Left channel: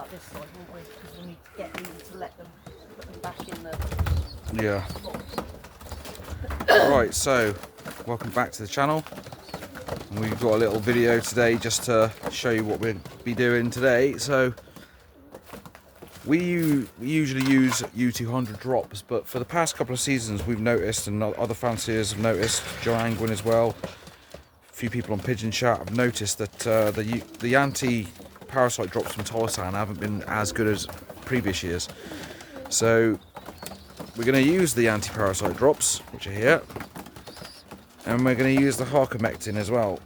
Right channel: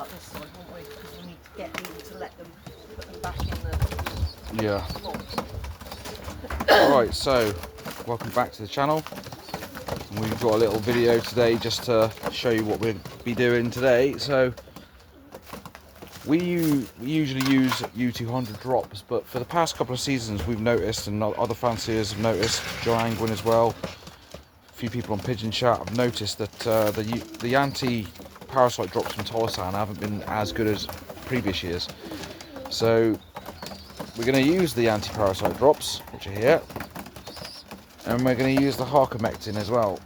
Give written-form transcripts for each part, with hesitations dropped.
up this side, won't we? Because we need to get these to let them put them back in the Yeah. Right, so welcome back to the channel. And we've got a little video today just to show you what we'll be doing today. So we usually use U200 drops, but for the past couple of seasons we've noticed, and other fanciers have noticed, Joe Angwin as well, a few people on Pigeon Chat have noticed that the anti-parasite drops from Tolosan haven't been as good as previous years. So we're going to use the anti-parasite drops, which are here, and we're going to use the Harkers as well,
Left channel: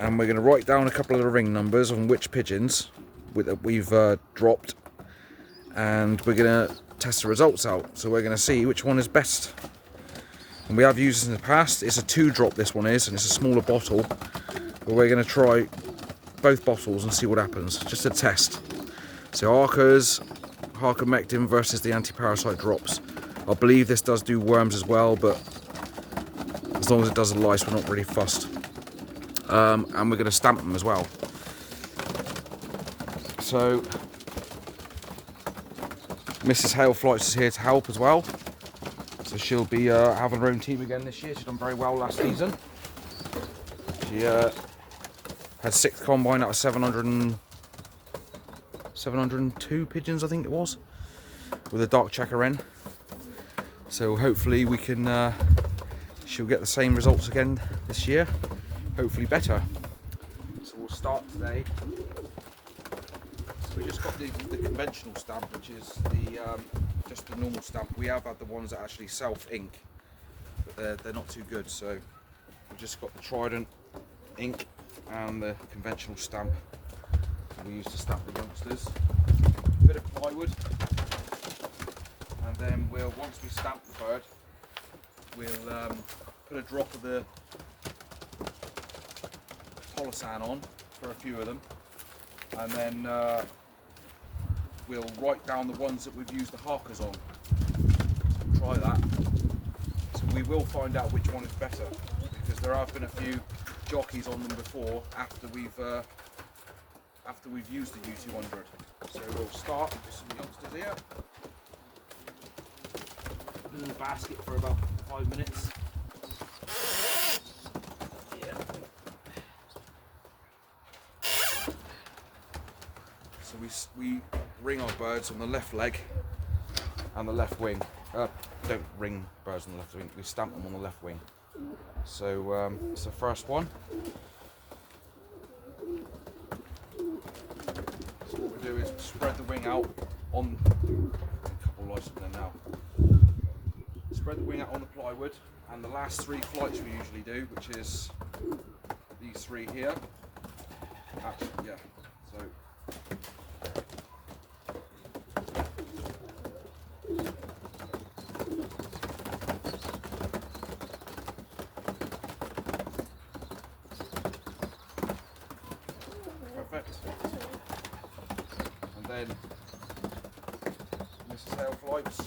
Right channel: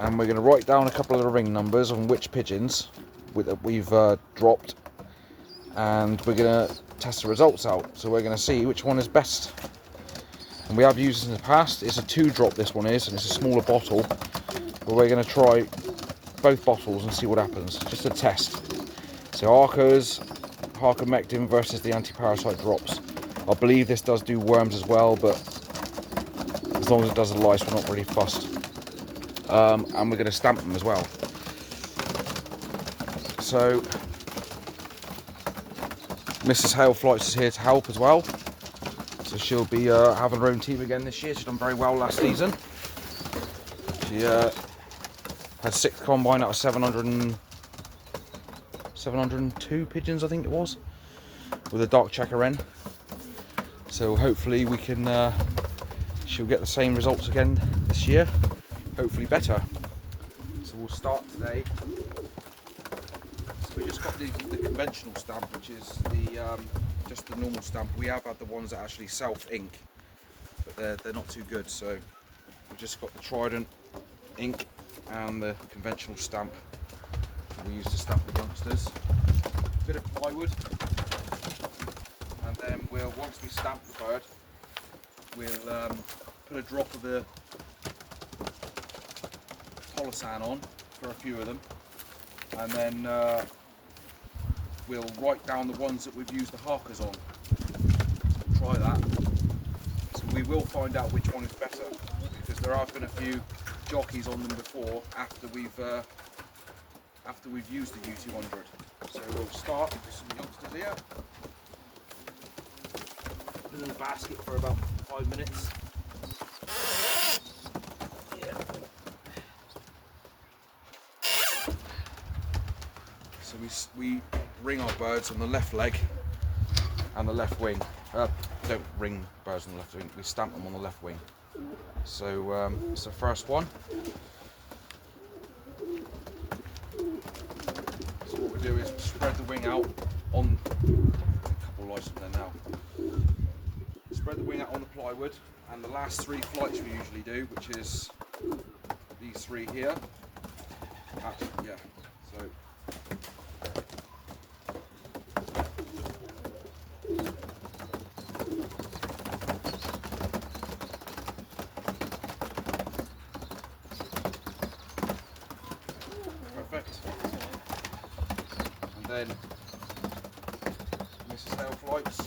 and we're going to write down a couple of the ring numbers on which pigeons we've dropped, and we're going to test the results out. So we're going to see which one is best. And we have used this in the past. It's a 2-drop, this one is, and it's a smaller bottle, but we're going to try both bottles and see what happens, just a test. So Harkers versus the anti-parasite drops. I believe this does do worms as well, but as long as it does the lice, we're not really fussed. And we're going to stamp them as well. So Mrs. Heyl Flights is here to help as well. So she'll be having her own team again this year. She's done very well last season. She had 6th combine out of 702 pigeons, I think it was, with a dark checker wren. So hopefully we can, she'll get the same results again this year, hopefully better. So we'll start today. We just got the conventional stamp, which is the just the normal stamp. We have had the ones that actually self-ink, but they're not too good. So we've just got the Trident ink and the conventional stamp. We use to stamp the youngsters. A bit of plywood, and then once we stamp the bird, we'll put a drop of the Tolosan on for a few of them, and then we'll write down the ones that we've used the Harkers on. So we'll try that. So we will find out which one is better, because there have been a few jockeys on them before after we've used the U200. So we'll start with some youngsters here. Put in the basket for about 5 minutes. Yeah. So we ring our birds on the left leg and the left wing. Don't ring birds on the left wing, we stamp them on the left wing. So it's the first one. So what we do is spread the wing out on a couple of lights up there now. Spread the wing out on the plywood, and the last 3 flights we usually do, which is these 3 here. Actually, yeah. So perfect. And then Mrs. Heyl Flights.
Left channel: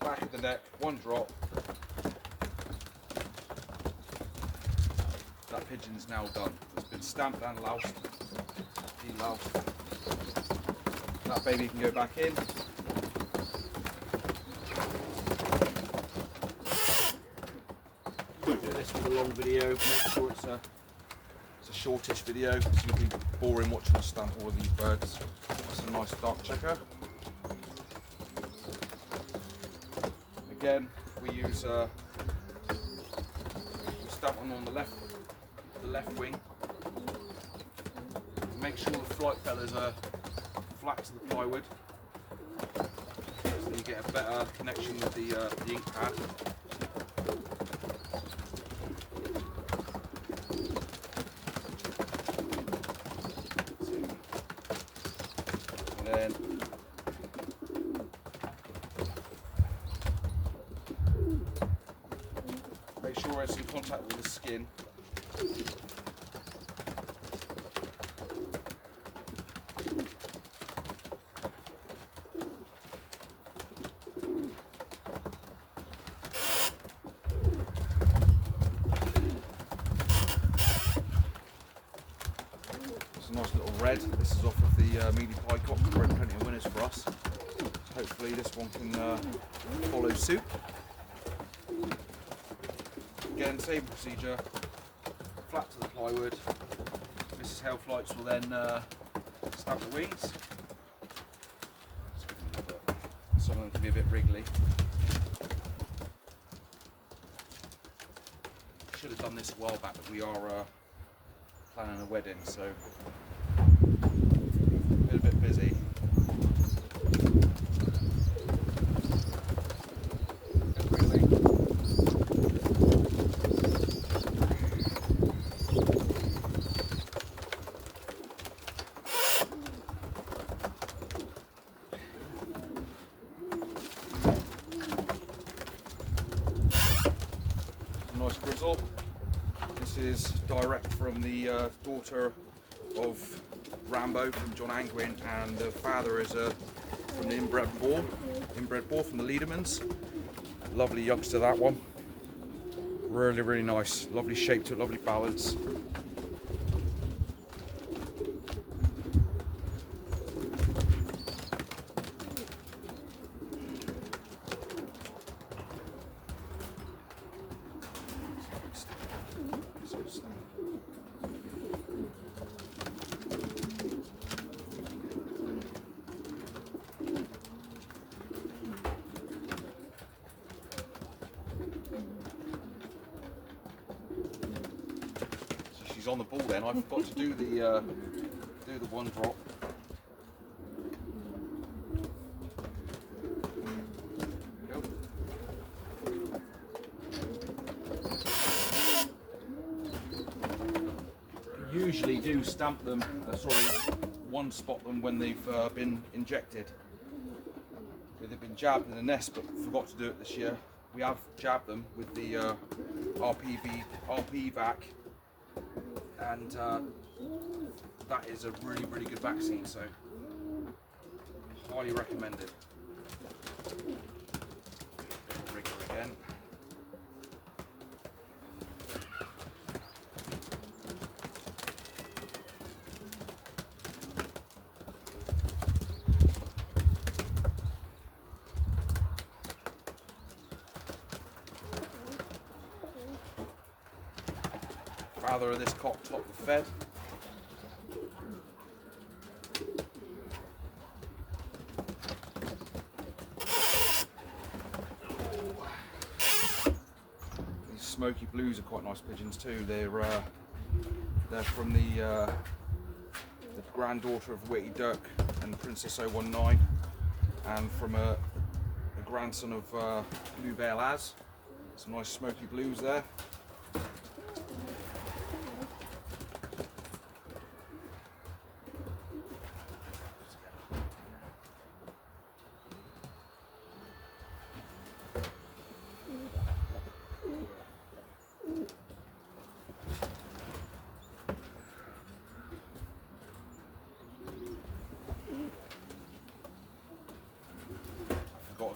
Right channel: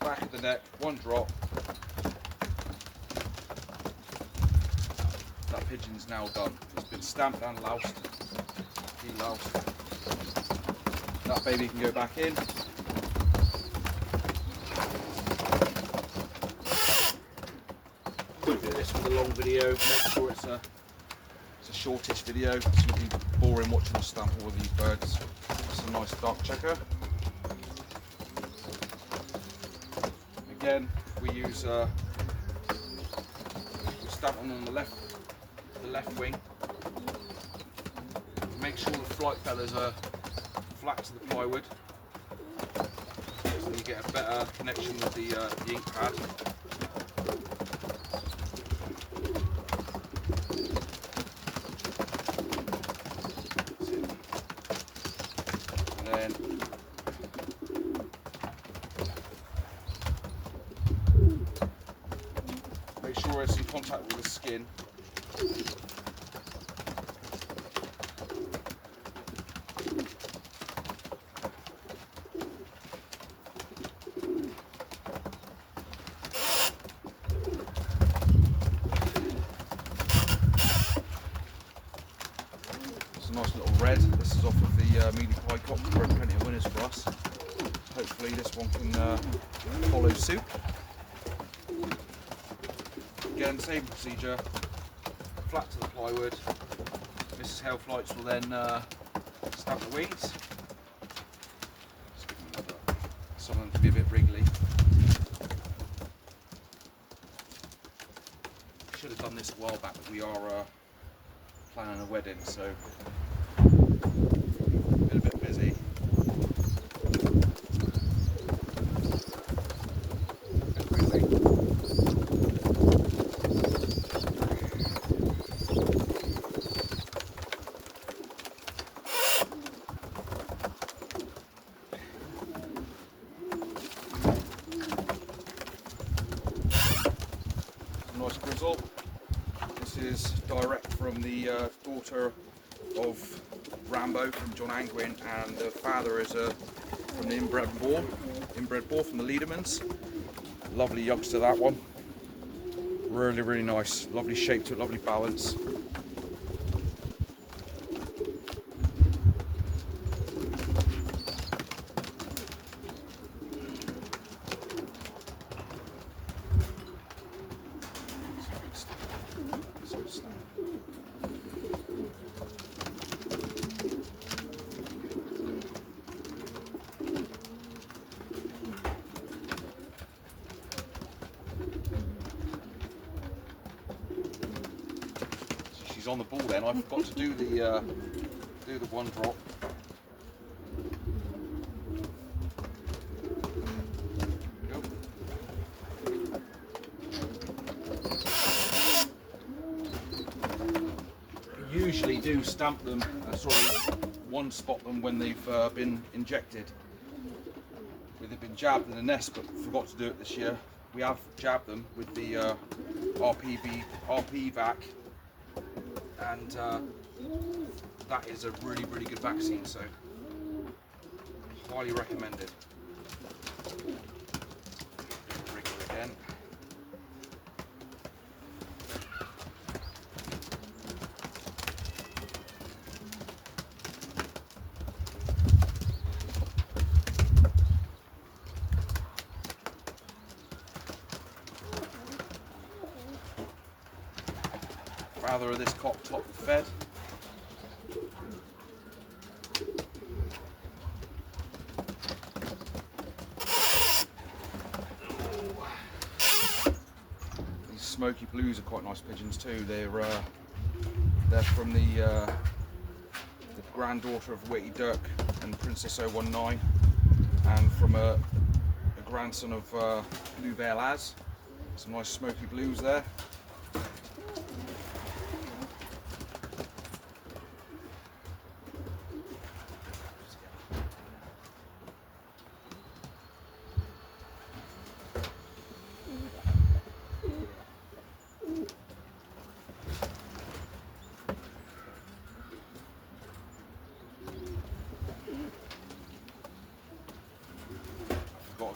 Back of the neck, 1 drop. That pigeon's now done. It's been stamped and loused. De-loused. That baby can go back in. We'll do this with a long video. Make sure it's a shortest video, so you can be boring watching us stamp all of these birds. It's a nice dark checker. Again, we use we stamp them on the left wing. Make sure the flight feathers are flat to the plywood, so you get a better connection with the ink pad. And then make sure it's in contact with the skin. a nice little red. This is off of the mealy pie cock. There are plenty of winners for us. Hopefully this one can follow suit. Again, same procedure. Flat to the plywood. Mrs. Heyl Flights will then stamp the wings. Some of them can be a bit wriggly. Should have done this a while back, but we are planning a wedding, so a bit busy. Nice grizzle. This is direct from the daughter of Rambo, from John Angwin, and the father is from the inbred boar from the Leadermans. Lovely youngster, that one. Really, really nice. Lovely shape to it, lovely balance. She's on the ball then. I forgot to do the one drop. Usually do stamp them, one spot them when they've been injected. They've been jabbed in the nest, but forgot to do it this year. We have jabbed them with the RP vac, and that is a really, really good vaccine, so highly recommended. Wriggler again. Father of this cock top fed. These smoky blues are quite nice pigeons too. They're from the granddaughter of Witty Dirk and Princess 019, and from a grandson of Blue Veil Az. Some nice smoky blues there.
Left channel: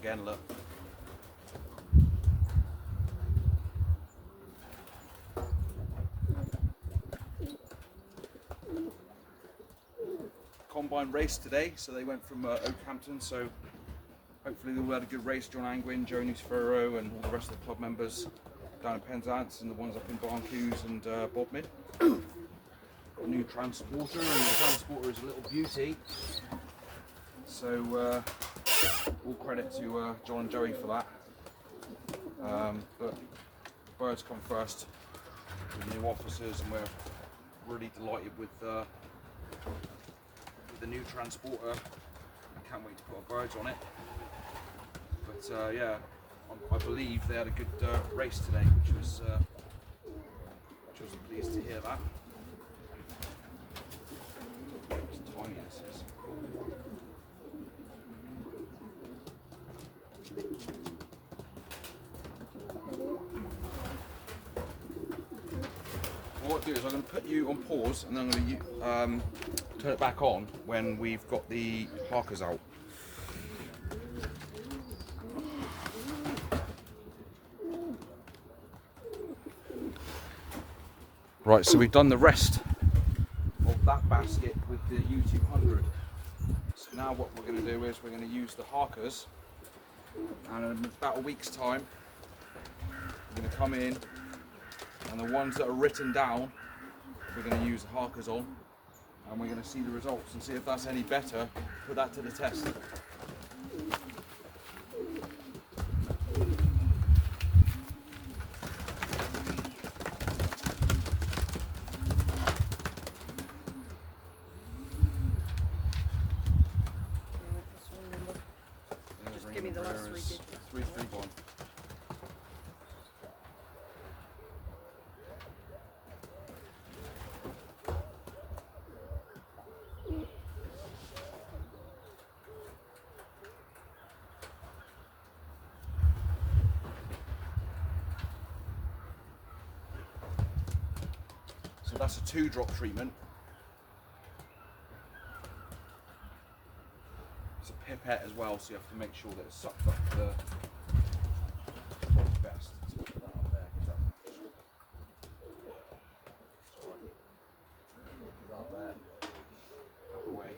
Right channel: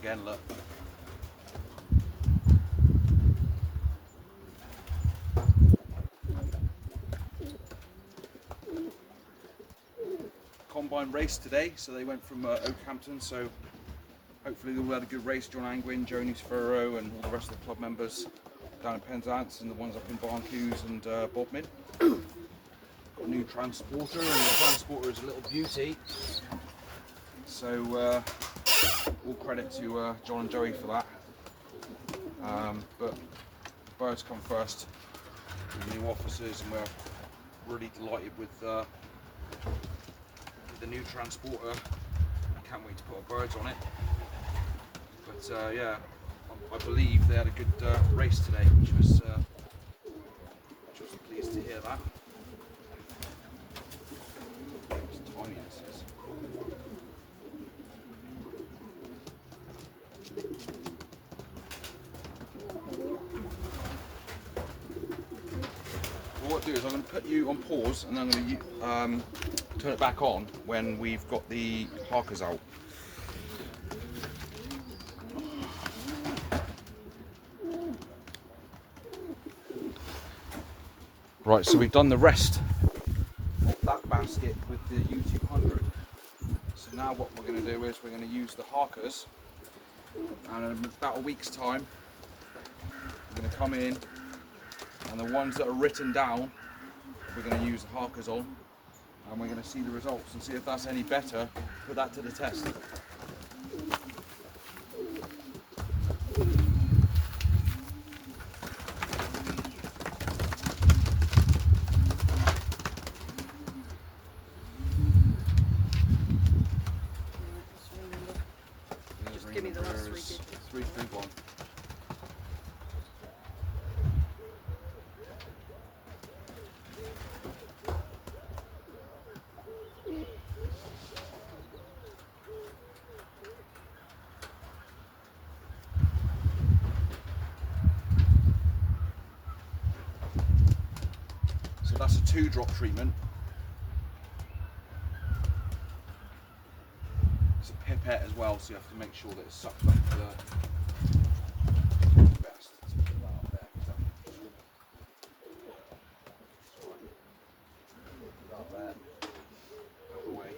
Again, look. Combine race today, so they went from Oakhampton, so hopefully they all had a good race. John Angwin, Joni Sparrow, and all the rest of the club members down in Penzance, and the ones up in Barncuse and Bodmin. Got a new transporter, and the transporter is a little beauty. So all credit to John and Joey for that. But birds come first with the new officers, and we're really delighted with the new transporter. I can't wait to put our birds on it. But yeah, I believe they had a good race today, which was pleased to hear that. It's tiny, this is. What I'll do is I'm going to put you on pause, and then I'm going to turn it back on when we've got the Harkers out. Right, so we've done the rest of that basket with the U200. So now what we're going to do is we're going to use the Harkers, and in about a week's time we're going to come in, and the ones that are written down we're going to use the Harkers on, and we're going to see the results and see if that's any better, put that to the test. Just give me the last 3 digits. 331. So that's a 2-drop treatment. It's a pipette as well, so you have to make sure that it's sucked up the best. Let's put that up there, 'cause that- Put that there. Out the way.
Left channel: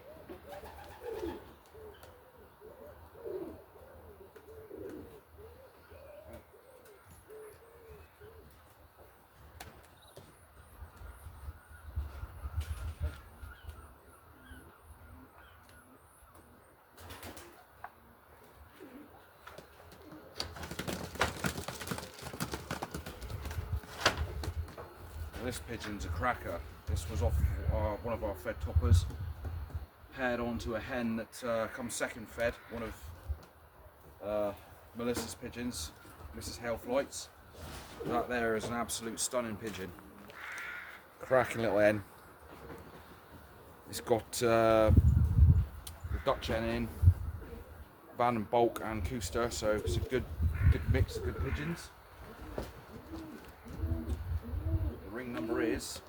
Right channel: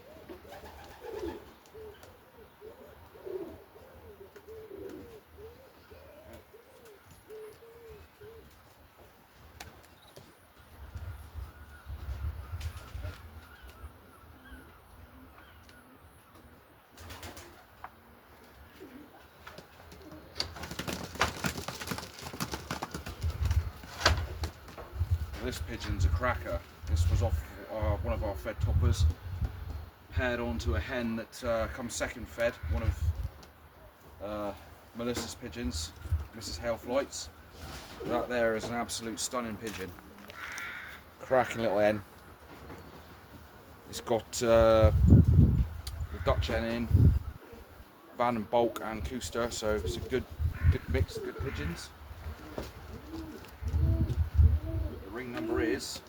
This pigeon's a cracker. This was off one of our fed toppers, paired onto a hen that comes second fed, one of Melissa's pigeons, Mrs. Heyl flights. That there is an absolute stunning pigeon. Cracking little hen. It's got the Dutch hen in, Van and Bulk and Cooster, so it's a good mix of good pigeons. Ring number is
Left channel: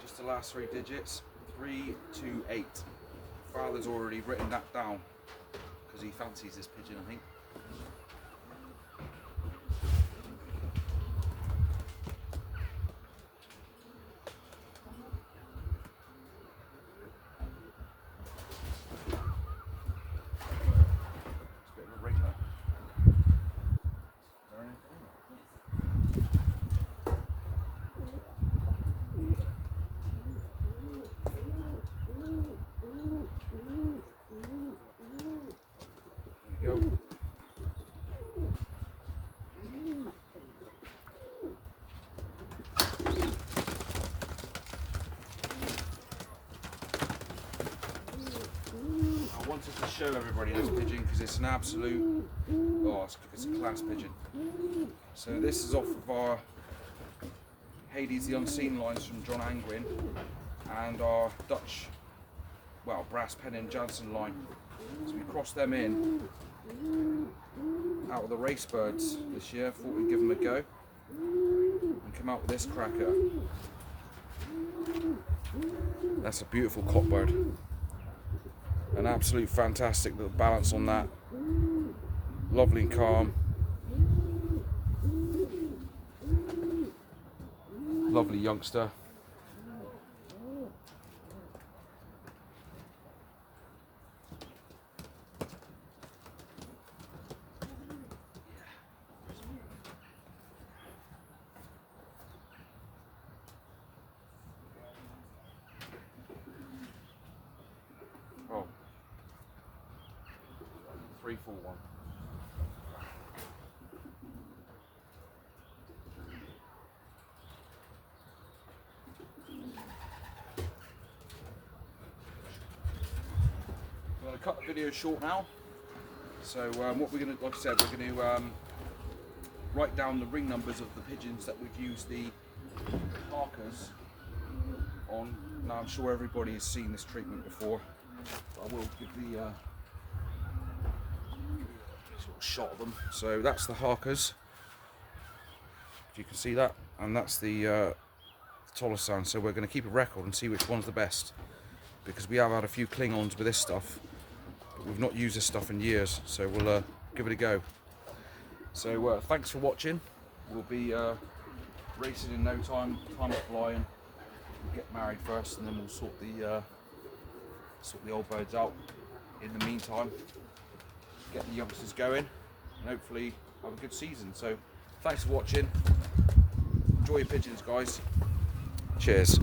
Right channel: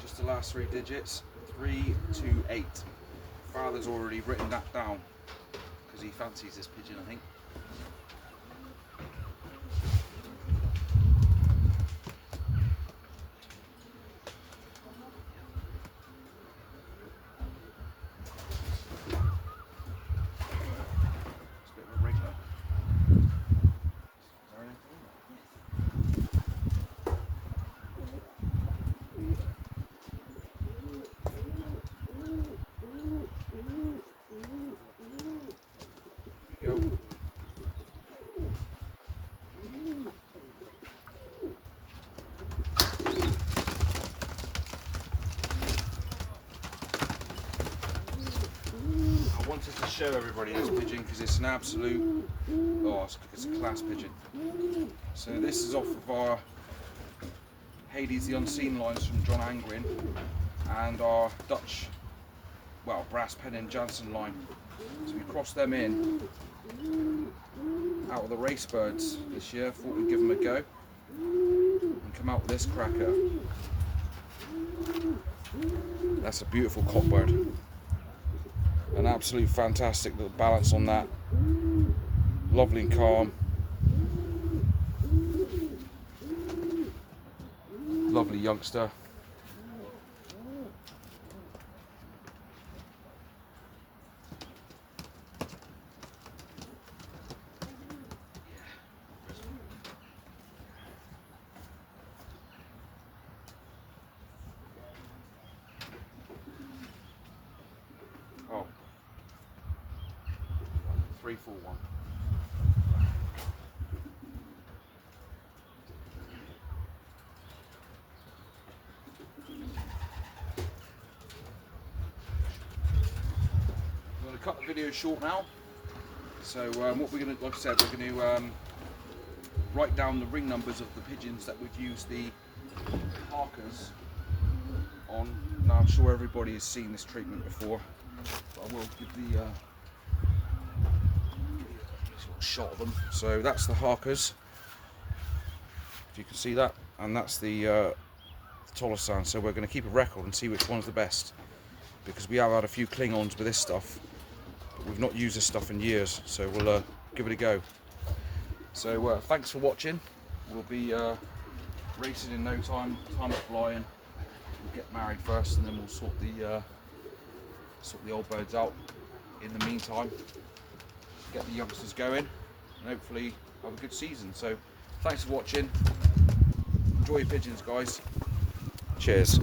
just the last 3 digits, 328. Father's already written that down because he fancies this pigeon, I think. It's a bit of a ring though. Is there anything in there? Go. I wanted to show everybody this pigeon because it's an absolute, it's a class pigeon. So this is off of our Hades the Unseen lines from John Angrin and our Dutch, Brass Pen and Jansen line. So we crossed them in out of the race birds this year. Thought we'd give them a go and come out with this cracker. That's a beautiful cockbird. An absolute fantastic little balance on that. Lovely and calm. Lovely youngster. Oh. 341. I'm going to cut the video short now. So what we're going to, like I said, we're going to write down the ring numbers of the pigeons that we've used the Harkers on. Now I'm sure everybody has seen this treatment before, but I will give the sort of shot of them. So that's the Harkers, if you can see that, and that's the Tolosan. So we're going to keep a record and see which one's the best, because we have had a few Klingons with this stuff, but we've not used this stuff in years, so we'll give it a go. So thanks for watching. We'll be racing in no time, time is flying. get married first, and then we'll sort the old birds out. In the meantime, get the youngsters going, and hopefully have a good season. So, thanks for watching. Enjoy your pigeons, guys. Cheers.